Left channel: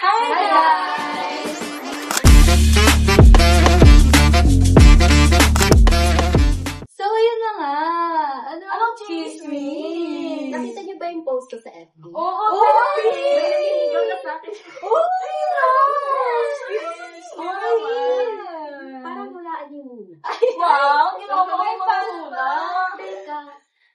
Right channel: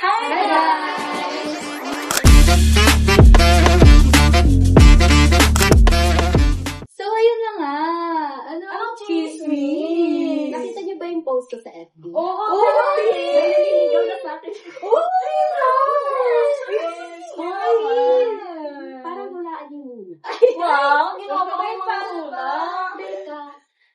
Hi guys! So, yun na nga. Anong chismis? Nakita niyo ba yung post ko sa FB? Oo! Parang walaan yung muna. Wow! Ginawa mo yung masula. Teka,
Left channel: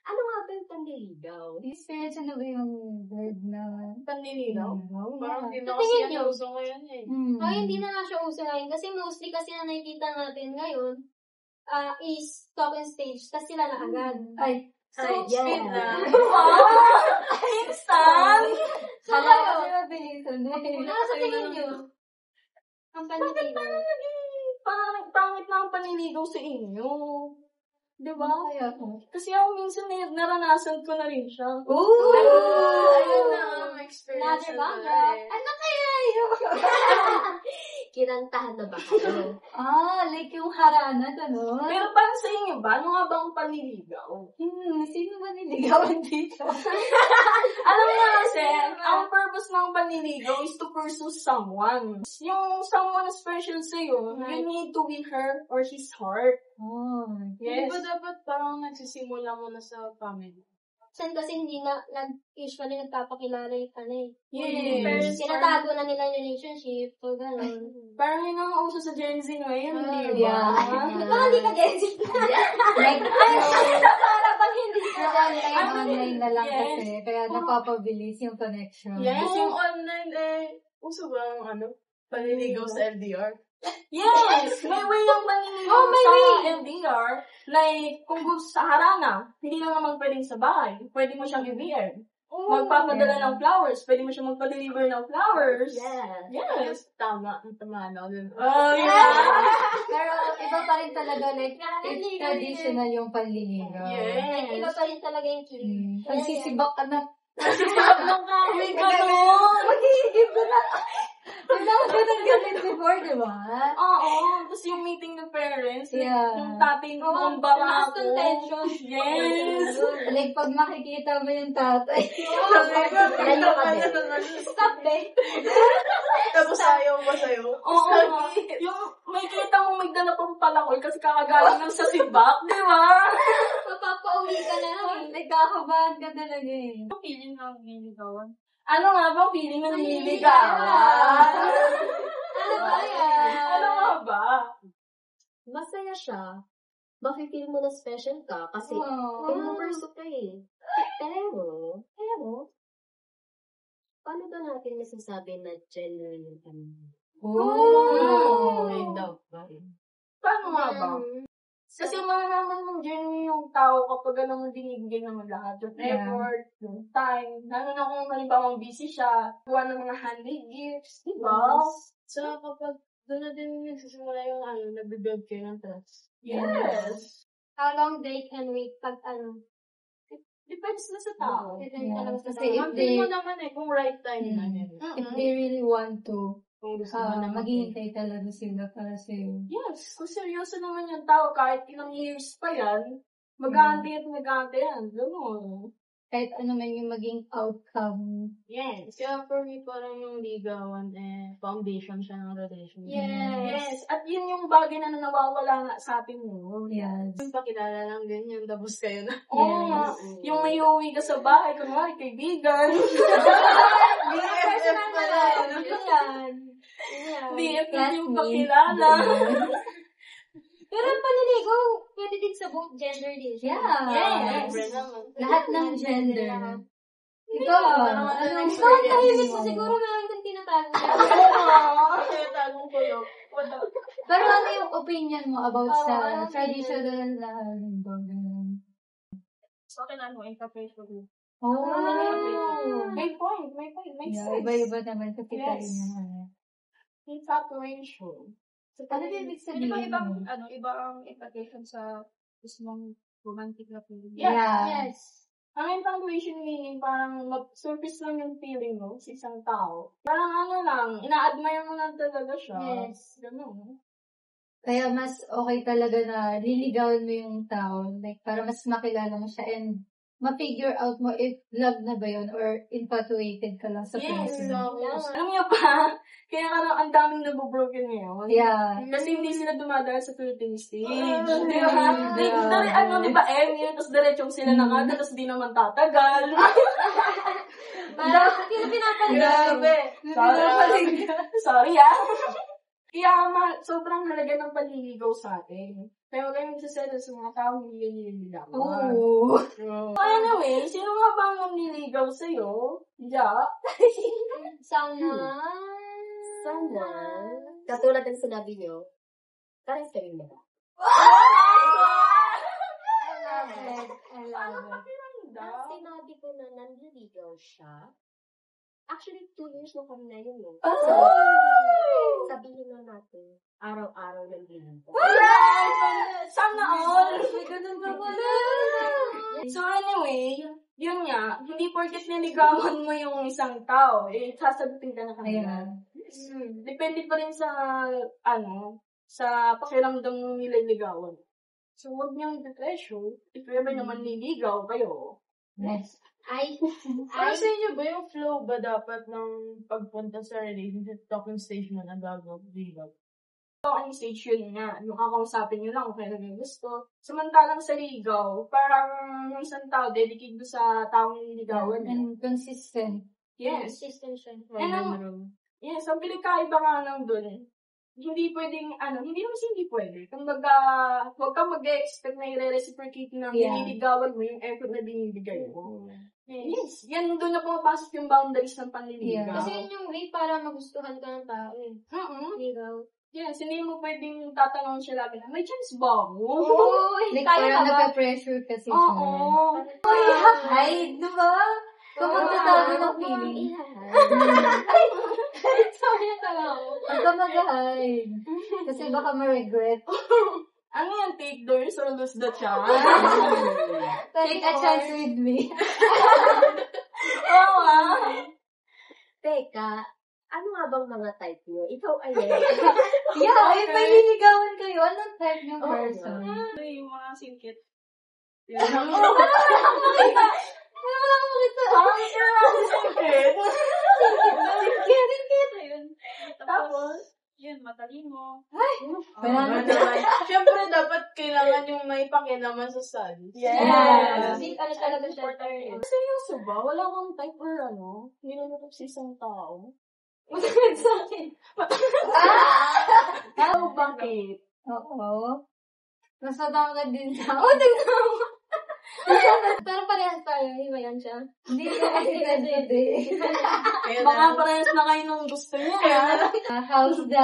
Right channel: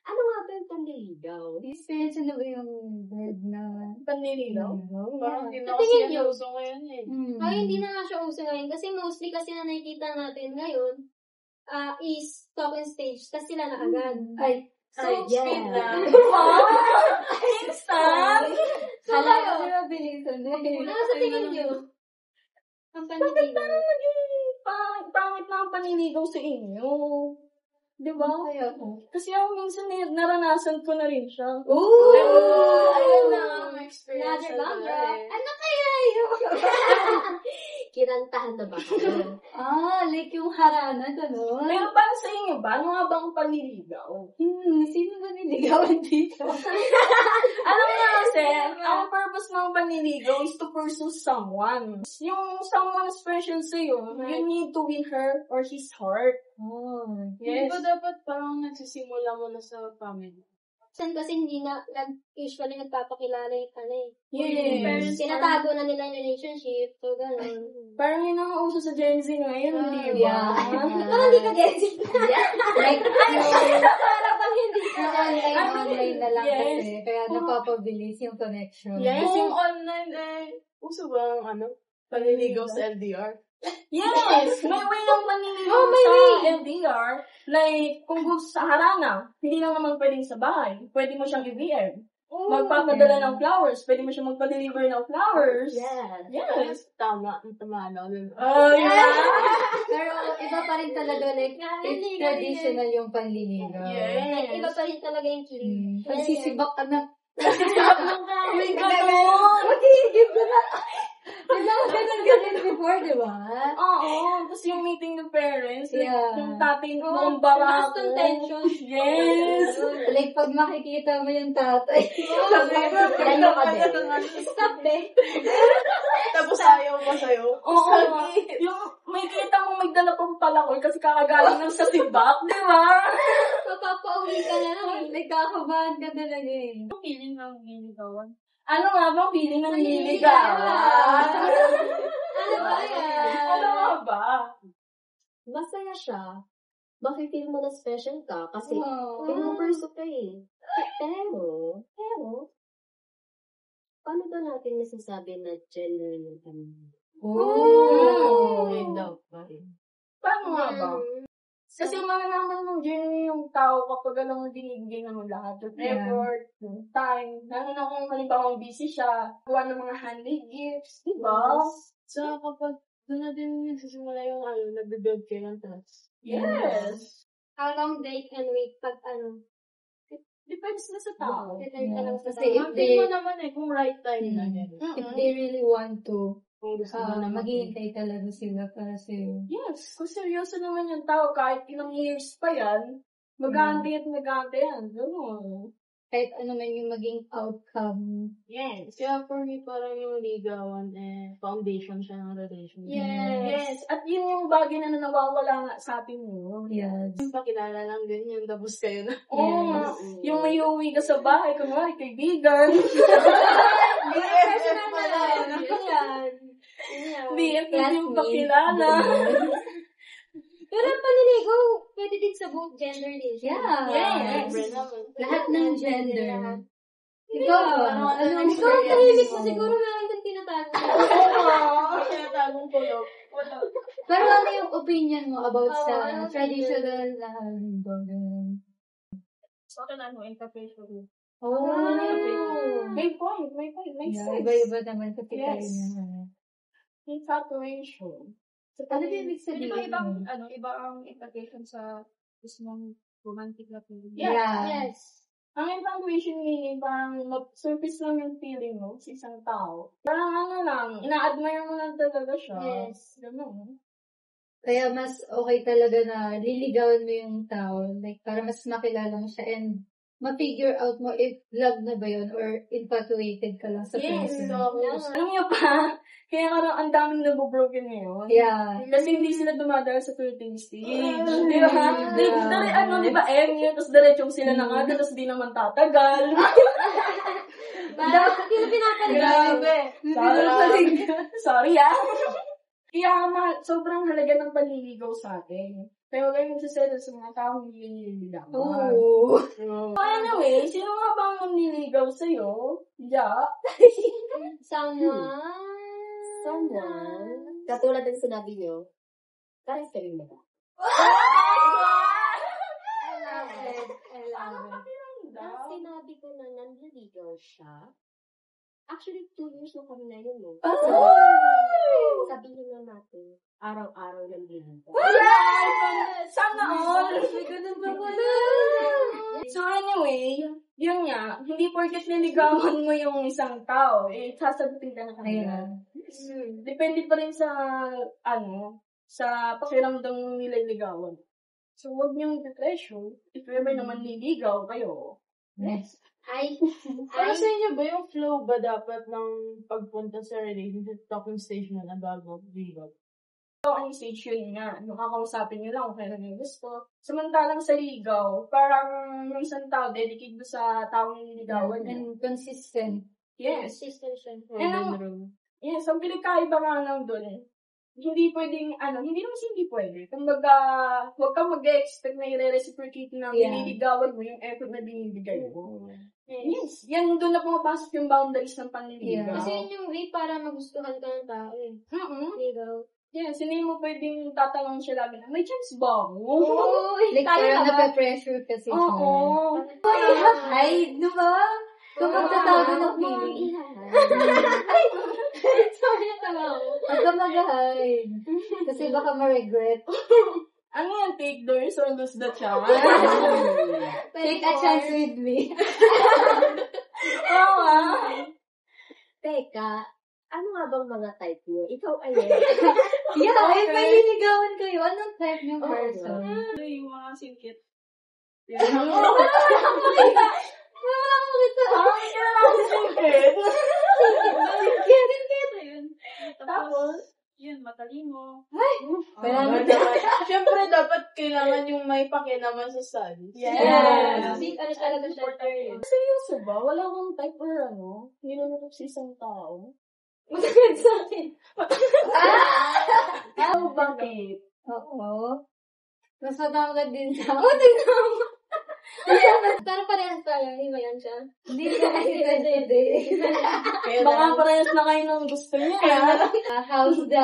ano nga ba yung panliligaw? Experience ano ba yung word na Panliligaw? Parang hindi na Sa kasi tingin yan niyo? uso ngayon eh. Ay, hindi na nga siya uso ngayon. Kasi mostly kasi na nakikita natin ngayon, is talking stage. Tapos sila na agad. Ay, So, yeah. speed na. Wow! Instant! Kala ko sila bilisan. Sa tingin niyo? Ang panliligaw. Pangit na ang panliligaw sa inyo. Diba? Kaya ko. Kasi ako minsan naranasan ko na rin siya. Ooh! Ayun na ang experience. Another banda. Ano kaya yun? Kinantahan na ba kayo? Like yung harana, gano'n. Pero para sa inyo ba, ano nga bang panliligaw? Sino ba niligawan dito? Alam nga kasi, ang purpose ng panliligaw is to pursue someone. Yung someone special sa'yo, you need to win her or his heart. Hindi ba dapat parang nagsisimula mo na sa family? Kasi hindi na, usually nagpapakilala yung Yes. Pinatago na nila yung relationship. So, gano'n. Parang yun ang uso sa Gen Z ngayon, di ba? Ikaw hindi ka Gen Z. Para bang hindi ka? Ay, online na lang Yes. kasi. Kaya napapabilis yung connection. Yes. Kasi yung online uso ba ang panliligaw sa LDR? Yes! May way ng panliligaw sa LDR. Like, kung gusto sa harana, hindi lang naman pwedeng sa bahay. Pwede mo siyang i-VM. Magpapadala ng flowers. Pwede mo siyang magpa-deliver ng flowers. Yes. Yes. Tama na. Oh, yeah. Pero iba pa rin talaga, like, traditional yung panliligaw. Yes. Iba pa rin talaga yung kilig. Pagsisibak ka na. May ganun. Mag-iigib ka na. Wala ko ganun before, di ba? Oo. Tapos yung meeting ng parents. Like, Yeah. yung tatay ng barako. tension. Yes. Like, pag makikita mo yung tatay. Ganun ka din. Stop, be. Tapos ayaw pa sa'yo. Oo. Yung may kita mo magdala pang palakoy kasi kakagaling ng sa sibak, di ba? Mapapauwi ka na lang. Nagkakabahan ka talaga eh. Ang feeling ng niligawan? Ano nga bang feeling ng niligawan? Ano ba yan? Ano nga ba? Masaya siya. Makifeel mo na special ka kasi Oh. pinupursue ka eh. Pero, paano ba natin masasabi na genuine yung kami? Oh. Daw. Paano nga ba? Kasi malalaman mo genuine yung tao kapag alam mo binibigay ng lahat yung effort, yung time. Lalo na kung halimbawa busy siya, gawa ng mga handmade gifts, di ba? So, kapag doon na din nagsisimula yung nagbe-build kayo ng trust. Yes. How long they can wait pag Depends na sa tao. Depende na lang sa Kasi tao. if Feel mo they, naman kung right time na yan. if they really want to, Kung gusto mo naman. maghihintay talaga sila para sa'yo. Yes, kung seryoso naman yung tao, kahit ilang years pa yan, mag-aantay at mag-aantay yan. Ganun. Kahit ano man yung maging outcome. Yes. Kaya for me, parang yung ligawan, foundation siya ng relationship. Yes. At yun yung bagay na nawawala nga sa atin mo. Yes. Yung pakilala lang ganyan, tapos kayo na. Oo nga. Yung may uwi ka sa bahay, kunwari kaibigan. Personal na lang. Ano yan? BF na yung pakilala. Pero yung panliligaw, pwede din sa buong gender relationship. Yeah. Yes. Siyempre naman. Lahat ng gender. Ikaw ba? Parang Ikaw ang tahimik mo, siguro meron kang tinatago. Kaya tagong ko yun. Pero ano yung opinion mo about sa ano traditional na limbang? So, kailangan mo, interpretation. May point, may Yeah, sense. iba-iba naman kasi tayo Yes. naman. Infatuation. Ano yung ibig Hindi ba sabihin? iba ang interpretation sa mismong romantic na feeling? Yeah. Yes. Ang infatuation meaning, parang surface lang yung feeling mo sa isang tao. Parang ano lang, ina-admire mo lang talaga siya. Yes. Ganun. Kaya mas okay talaga na liligawan mo yung tao. Like, para mas makilala mo siya and ma-figure out mo if love na ba yun or infatuated ka lang sa Yes. person. Alam niyo pa, kaya karang ang daming nabobroken ngayon. Yeah. Kasi hindi sila dumadaan sa flirting stage. Di ba? Di ba, yun, tapos diretsong sila nakada, tapos di naman tatagal. Parang, hindi na pinapaligaw. Sorry Kaya sobrang halaga ng panliligaw sa atin. Kaya huwag kayong magsaselo sa mga taong hindi nililigaw. Oo. Anyway, sino nga bang manliligaw sa'yo? Sana. Katulad ng sinabi nyo, parang kayo na ba? I love it. Tapos sinabi ko na nanliligaw siya. Actually, 2 years na kami na yun, no? Sabihin na natin, araw-araw nanliligaw. Sana all! Ganun. So anyway, yun nga, hindi porket niligawan mo yung isang tao, sasagutin ka na kanila. Depende pa rin sa, sa pakiramdam ng nililigawan. So, huwag niyong depression. If ever naman niligaw kayo. Yes. Para sa inyo ba yung flow ba dapat ng pagpunta sa relationship talking stage mo na bago ligaw? Ang stage yun nga, nakakausapin nyo lang kung kailan yung gusto. Samantalang sa ligaw, parang yung isang tao dedicated sa taong nililigawan niya. And consistent. Yes. Consistent siya. Yes, ang pinagkaiba nga lang dun, hindi pwedeng, hindi naman hindi pwede. Kumbaga, huwag kang mag-expect na i-reciprocate na nililigawan mo yung effort na binibigay mo. Yes, yan doon na pumapasok yung boundaries ng panliligaw. Kasi yun yung way para magustuhan ka ng tao eh. Ligaw. Yes, hindi mo pwedeng tatanong siya lagi na, may chance ba ako? Like, parang nape-pressure kasi siya. Oo. Ay, di ba? Kung magtatabi ng feeling. Sorry na tawa ko. Huwag ka mag-hide. Kasi baka ma-regret. Ano yan? Take theirs or lose the chance? Take a chance with me. Oo nga. Teka, ano nga bang mga type niyo? Ikaw ay Yeah, if may liligawan kayo, anong type ng person? Yung mga singkit. Tapos, yun, matalino. Siyempre, dapat kailangan yung may pakialaman sa son. Yes. Seryoso ba? Wala kang type or hindi na natin sa isang tao? Masakit sa akin. Bakit? Oo. Mas mabangga din sa Pero parehas tayo, himayan siya. Hindi ko kasi pwede. Baka parehas na kayo nung gusto niya. How's the,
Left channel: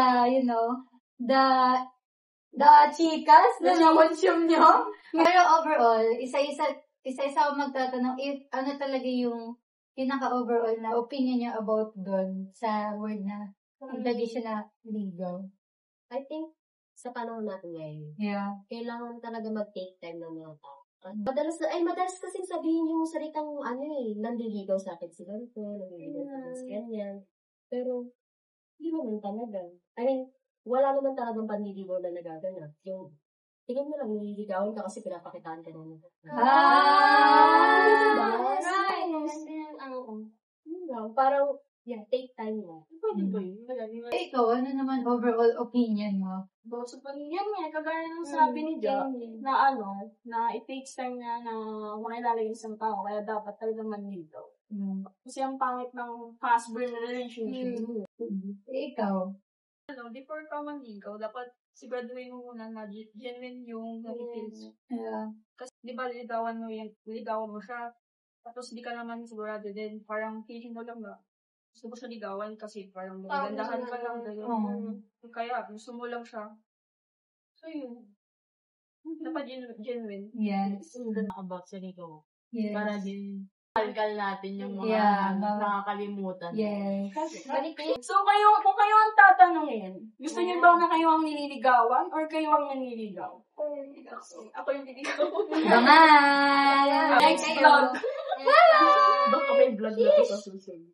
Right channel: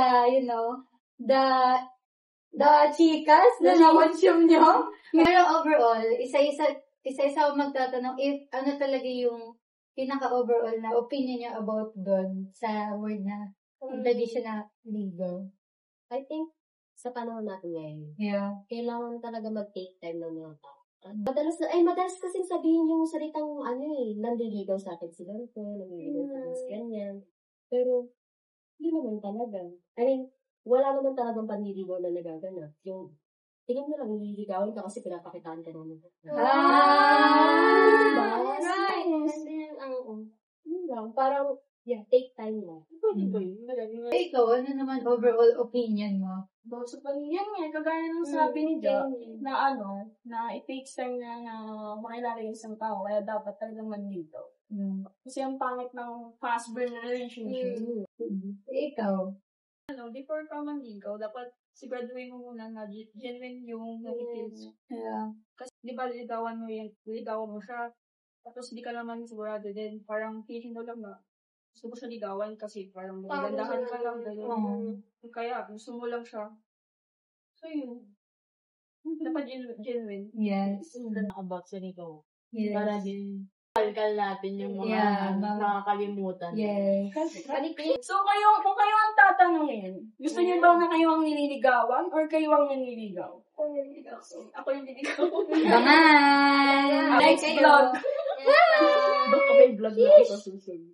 the chicas na na-consume nyo? Pero overall, isa-isa ako magtatanong if ano talaga yung pinaka-overall na opinion niya about doon sa word na traditional legal. I think, sa panahon natin ngayon, kailangan talaga mag-take time ng mga tao. Madalas kasi sabihin yung salitang, nanliligaw sa akin si ganito, nanliligaw sa akin si ganyan. Pero, hindi naman talaga. I mean, wala naman talagang panliligaw na nagaganap. Yung, tingin mo lang, nililigawan ka kasi pinapakitaan ka naman. Parang, take time mo. Pwede ba yun? Ikaw, ano naman overall opinion mo? About sa paningyan niya, kagaya ng sabi ni Jo, na it takes time na makilala yung isang tao, kaya dapat talaga manligaw. Kasi ang pangit ng fast-burn relationship. Ikaw? Before ka manligaw, dapat siguraduhin mo muna na genuine yung feelings. Kasi di ba liligawan mo siya, tapos di ka naman sigurado din, parang feeling mo lang na gusto mo siya ligawan kasi parang magandahan ka lang gano'n. Kaya gusto mo lang siya. So yun. Dapat genuine. Yes. About sa ligaw. Yes. Para din kalkal natin yung mga nakakalimutan. Yes. So, kung kayo ang tatanungin, gusto niyo ba na kayo ang nililigawan or kayo ang nanliligaw? Ako yung niligaw. Bye! Next vlog. Baka may vlog na ito sa susunod.